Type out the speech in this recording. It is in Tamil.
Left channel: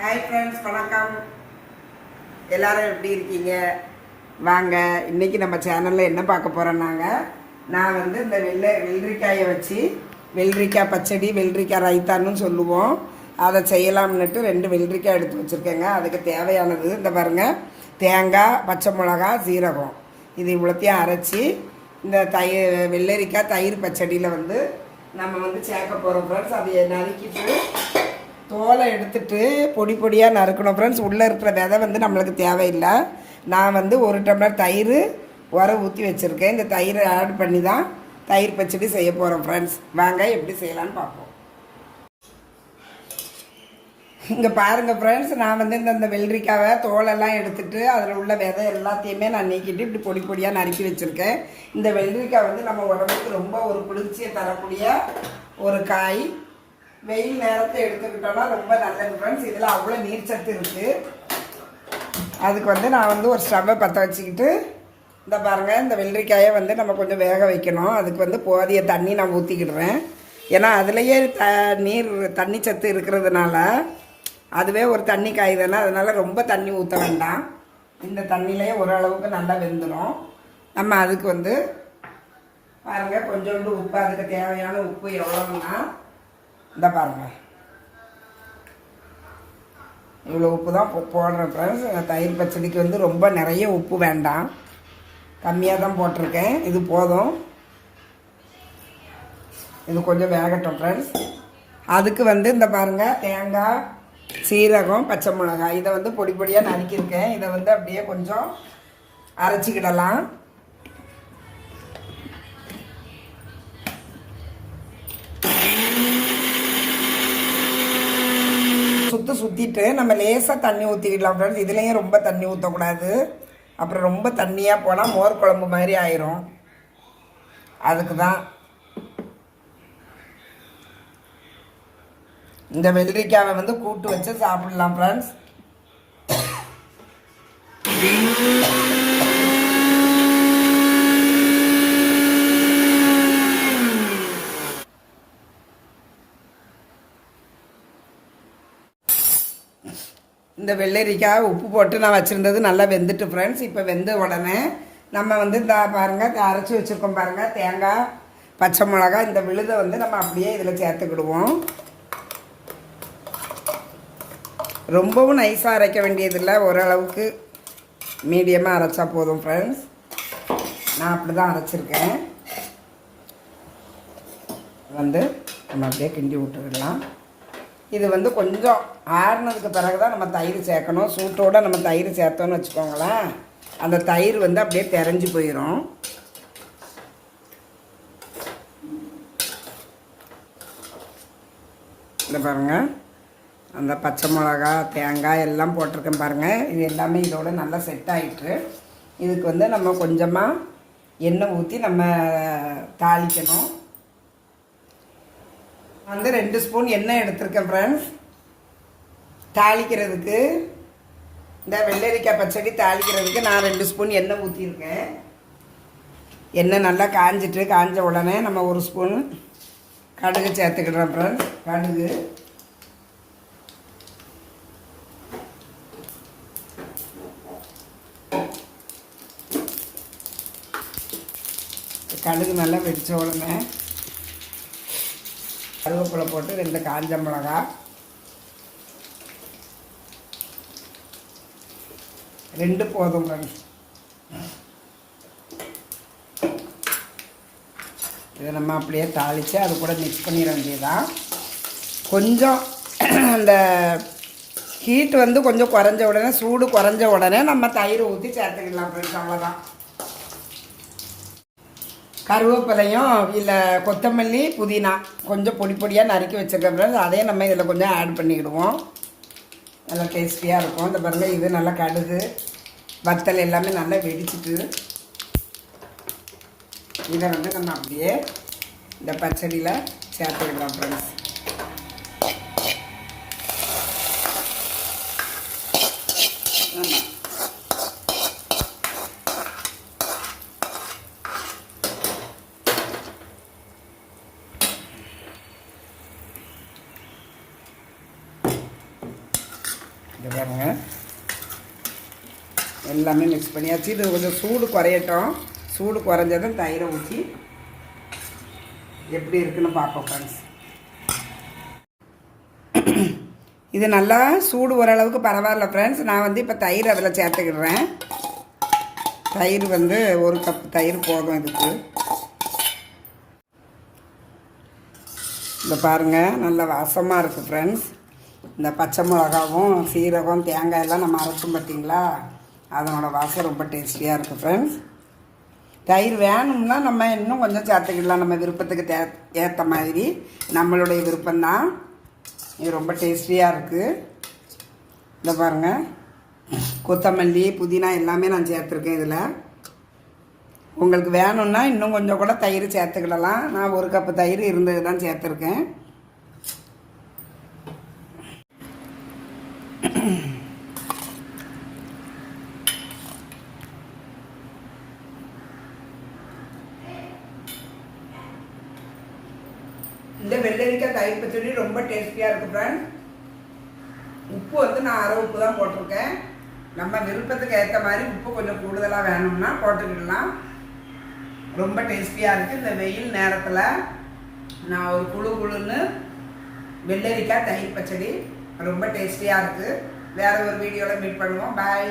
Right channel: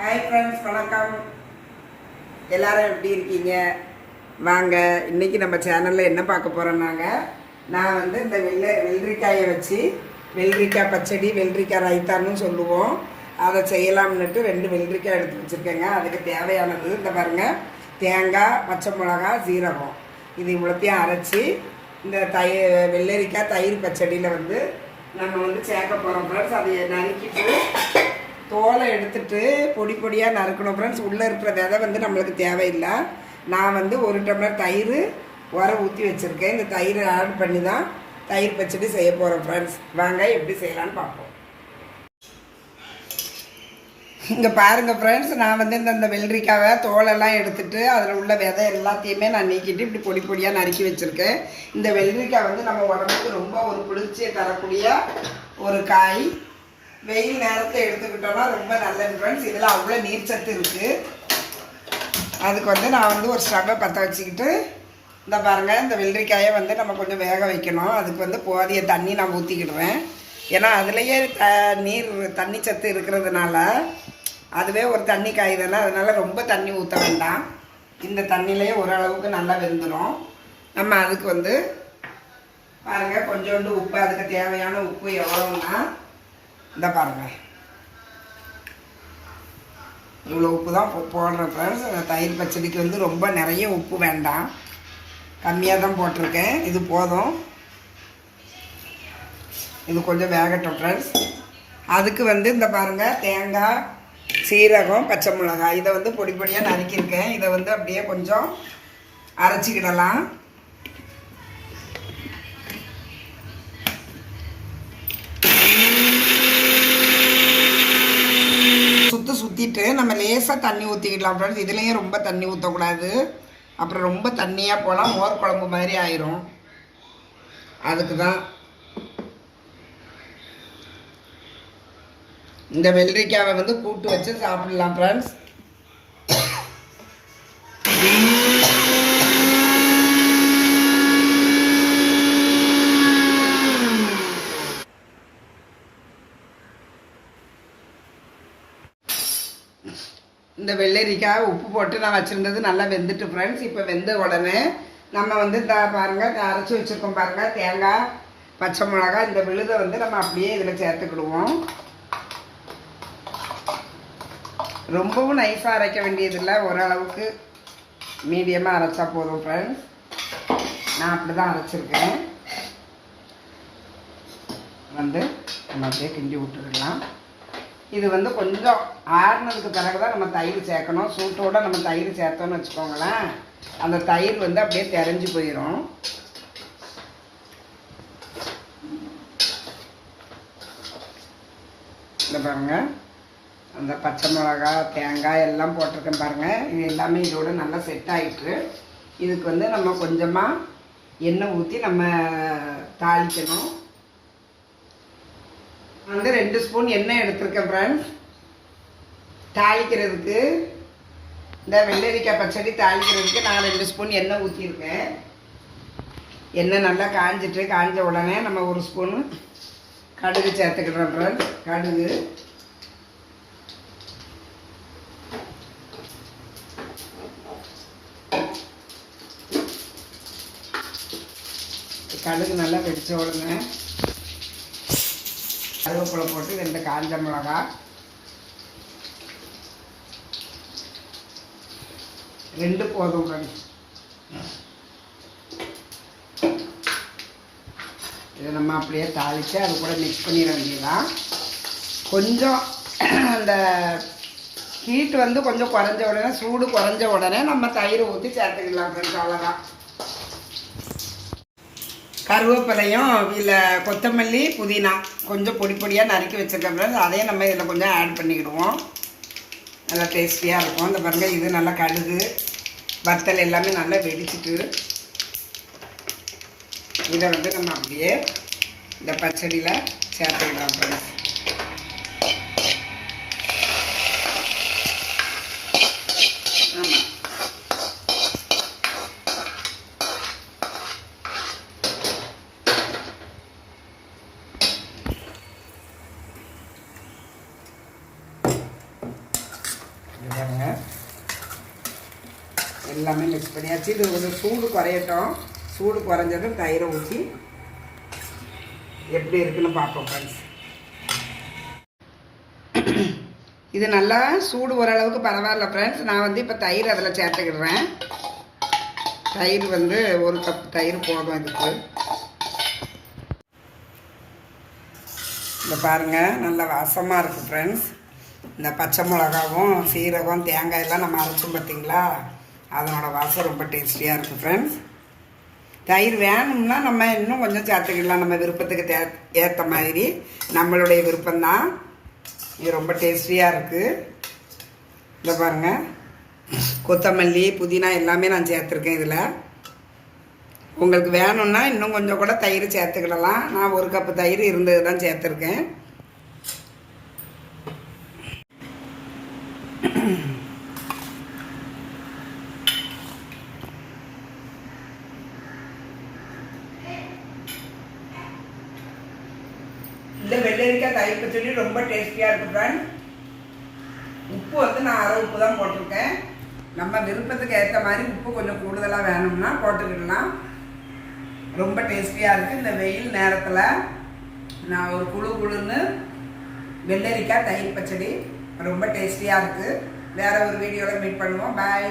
ஹாய் ஃப்ரெண்ட்ஸ் வணக்கம். எல்லாரும் எப்படி இருக்கீங்க? வாங்க இன்னைக்கு நம்ம சேனலில் என்ன பார்க்க போகிறோம்னாங்க நான் வந்து இந்த வெள்ளை வெள்ளரிக்காயை வச்சு வெள்ளரிக்காய் பச்சடி வெள்ளரிக்காய் ரைத்தான்னு சொல்லுவோம். அதை செய்யலாம்னுட்டு ரெண்டு வெள்ளரிக்காய் எடுத்து வச்சுருக்கேங்க. அதுக்கு தேவையானது இந்த பாருங்கள் தேங்காய் பச்சை மிளகா சீரகம். இது இவ்வளோத்தையும் அரைச்சி இந்த தயிர் வெள்ளரிக்காய் தயிர் பச்சடியில் வந்து நம்ம வந்து சேர்க்க போகிறோம் ஃப்ரெண்ட்ஸ் அதை நறுக்கிட்டு தோலை எடுத்துட்டு பொடி பொடியாக நறுக்கணும். ஃப்ரெண்ட்ஸ் உள்ளே இருக்கிற விதை வந்து நம்மளுக்கு தேவையில்லை. நான் வந்து ஒரு டம்ளர் தயிர் உர ஊற்றி வச்சுருக்கேன். இந்த தயிரை ஆட் பண்ணி தான் தயிர் பச்சடி செய்ய போகிறோம் ஃப்ரெண்ட்ஸ் வாங்க எப்படி செய்யலான்னு பார்ப்போம். இங்கே பாருங்கள் ஃப்ரெண்ட்ஸ் நான் வந்து இந்த இந்த வெள்ளரிக்காவை தோலெல்லாம் எடுத்துட்டு அதில் உள்ள விதை எல்லாத்தையுமே நான் நீக்கிட்டு இப்படி பொடி பொடியாக நறுக்கி வச்சுருக்கேன். இந்த வெள்ளரிக்காய் வந்து நம்ம உடம்புக்கு ரொம்ப ஒரு குளிர்ச்சியை தரக்கூடிய ஒரு காய். வெயில் நேரத்தை எடுத்துக்கிட்டோன்னா ரொம்ப நல்லது ஃப்ரெண்ட்ஸ் இதில் அவ்வளோ நீர் சத்து இருக்குது அதுக்கு வந்து நான் வந்து ஒரு ஸ்டவ்வை பற்ற வச்சுக்கிட்டு இந்த பாருங்கள் இந்த வெள்ளரிக்காயை வந்து நம்ம கொஞ்சம் வேக வைக்கணும். அதுக்கு வந்து போதிய தண்ணி நான் ஊற்றிக்கிடுவேன் ஏன்னா அதுலேயே த நீர் தண்ணி சத்து இருக்கிறதுனால அதுவே ஒரு தண்ணி காய் தானே. அதனால் ரொம்ப தண்ணி ஊற்ற வேண்டாம். இந்த தண்ணியிலேயே ஓரளவுக்கு நல்லா வெந்துடும் நம்ம அதுக்கு வந்து பாருங்கள் கொஞ்சோண்டு உப்பு அதுக்கு தேவையான உப்பு எவ்வளோன்னா இந்த பாருங்கள் இவ்வளோ உப்பு தான் போ- போடுறேன் ஃப்ரெண்ட்ஸ் தயிர் பச்சடிக்கு வந்து ரொம்ப நிறைய உப்பு வேண்டாம். கம்மியாக தான் போட்டிருக்கேன். இது போதும். இது கொஞ்சம் வேகட்டும் ஃப்ரெண்ட்ஸ் அதுக்கு வந்து இந்த பாருங்கள் தேங்காய் சீரகம் பச்சை மிளகாய். இதை வந்து பொடி பொடியாக நறுக்கியிருக்கேன். இதை வந்து அப்படியே கொஞ்சம் அரைச்சிக்கிடலாம். சுற்றி நம்ம லேசாக தண்ணி ஊற்றிக்கிடலாம் ஃப்ரெண்ட்ஸ் இதுலேயும் ரொம்ப தண்ணி ஊற்றக்கூடாது அப்புறம் ரொம்ப தண்ணியாக போனால் மோர் குழம்பு மாதிரி ஆயிரும். அதுக்கு தான் இந்த வெள்ளரிக்காவை வந்து கூட்டு வச்சு சாப்பிடலாம் ஃப்ரெண்ட்ஸ் இந்த வெள்ளரிக்காய் உப்பு போட்டு நான் வச்சுருந்தது நல்லா வெந்துட்டு ஃப்ரெண்ட்ஸ் இப்போ வெந்த உடனே நம்ம வந்து இந்த பாருங்கள் அரைச்சி வச்சுருக்கோம் பாருங்கள் தேங்காய் பச்சை மிளகா இந்த விழுதை வந்து நம்ம அப்படியே இதில் சேர்த்துக்கிடுவோம். ரொம்பவும் நைஸாக அரைக்க வேண்டியதில்லை ஓரளவுக்கு மீடியமாக அரைச்சா போதும் ஃப்ரெண்ட்ஸ் நான் அப்படி தான் அரைச்சிருக்கேன். வந்து நம்ம அப்படியே கிண்டி விட்டுடலாம். இது வந்து கொஞ்சம் ஆறுனதுக்கு பிறகு தான் நம்ம தயிர் சேர்க்கணும். சூட்டோடு நம்ம தயிர் சேர்த்தோன்னு வச்சுக்கோங்களேன். அந்த தயிர் வந்து அப்படியே தெரிஞ்சு போயிடும் இந்த பாருங்க. அந்த பச்சை மிளகா தேங்காய் எல்லாம் போட்டிருக்கேன் பாருங்கள் இது எல்லாமே இதோட நல்லா செட் ஆகிட்டு இதுக்கு வந்து நம்ம கொஞ்சமாக எண்ணெய் ஊற்றி நம்ம தாளிக்கணும். வந்து ரெண்டு ஸ்பூன் எண்ணெய் எடுத்திருக்கேன் ஃப்ரெண்ட்ஸ் தாளிக்கிறதுக்கு. இந்த வெள்ளரிக்காய் பச்சடி தாளிக்கிறதுக்கு நான் ரெண்டு ஸ்பூன் எண்ணெய் ஊற்றிருக்கேன் எண்ணெய் நல்லா காஞ்சிட்டு காஞ்ச உடனே நம்ம ஒரு ஸ்பூன் கடுகு சேர்த்துக்கிட்டோம் ஃப்ரெண்ட்ஸ் கடுகு. கடுகு நல்லா வெடிச்ச உடனே கருவேப்பிலை போட்டு ரெண்டு காஞ்ச மிளகா. ரெண்டு போதும் இதை நம்ம அப்படியே தாளித்து அது கூட மிக்ஸ் பண்ணிட வேண்டியதுதான். கொஞ்சம் அந்த ஹீட் வந்து கொஞ்சம் குறைஞ்ச உடனே சூடு குறைஞ்ச உடனே நம்ம தயிர் ஊற்றி சேர்த்துக்கலாம் ஃப்ரெண்ட்ஸ் அவ்வளோதான் கருவேப்பிலையும் இதில் கொத்தமல்லி புதினா கொஞ்சம் பொடி பொடியாக நறுக்கி வச்சிருக்க பிறகு அதையும் நம்ம இதில் கொஞ்சம் ஆட் பண்ணிக்கிடுவோம். நல்லா டேஸ்டியாக இருக்கும். இந்த பாருங்க இது நல்லா கடுகு வத்தல் எல்லாமே நல்லா வெடிச்சிட்டு இதை வந்து நம்ம அப்படியே இந்த பச்சடியில் சேர்த்துக்கிடலாம் ஃப்ரெண்ட்ஸ் இது பாருங்க. எல்லாமே மிக்ஸ் பண்ணியாச்சு இது கொஞ்சம் சூடு குறையட்டும். சூடு குறைஞ்சதும் தயிரை ஊற்றி எப்படி இருக்குன்னு பார்ப்போம் ஃப்ரெண்ட்ஸ் இது நல்லா சூடு ஓரளவுக்கு பரவாயில்ல ஃப்ரெண்ட்ஸ் நான் வந்து இப்போ தயிர் அதில் சேர்த்துக்கிடுறேன். தயிர் வந்து ஒரு கப் தயிர் போதும் இதுக்கு இந்த பாருங்கள் நல்ல வாசமாக இருக்குது ஃப்ரெண்ட்ஸ் இந்த பச்சை மிளகாவும் சீரகம் தேங்காய் எல்லாம் நம்ம அரைச்சோம் பார்த்தீங்களா? அதனோட வாசம் ரொம்ப டேஸ்டியாக இருக்கும் ஃப்ரெண்ட்ஸ் தயிர் வேணும்னா நம்ம இன்னும் கொஞ்சம் சேர்த்துக்கிடலாம். நம்ம விருப்பத்துக்கு தே ஏற்ற மாதிரி. நம்மளுடைய விருப்பம்தான். இது ரொம்ப டேஸ்டியாக இருக்குது இந்த பாருங்கள் கொத்தமல்லி புதினா எல்லாமே நான் சேர்த்துருக்கேன் இதில். உங்களுக்கு வேணும்னா இன்னும் கொஞ்சம் கூட தயிர் சேர்த்துக்கிடலாம். நான் ஒரு கப்பு தயிர் இருந்தது தான் சேர்த்துருக்கேன். இந்த வெள்ளரிக்காய் தயிர் பச்சடி ரொம்ப டேஸ்டியாக இருக்குது ஃப்ரெண்ட் உப்பு வந்து நான் அரை உப்பு தான் போட்டிருக்கேன். நம்ம விருப்பத்துக்கு ஏற்ற மாதிரி உப்பு கொஞ்சம் கூடுதலாக வேணும்னா போட்டுக்கிடலாம். ரொம்ப டேஸ்டியாக இருக்குது இந்த வெயில் நேரத்தில் நான் ஒரு குழு குழுன்னு வெள்ளரிக்காய் தயிர் பச்சடி ரொம்ப டேஸ்டியாக இருக்குது வேறு ஒரு வீடியோவில் மீட் பண்ணுவோம். பாய்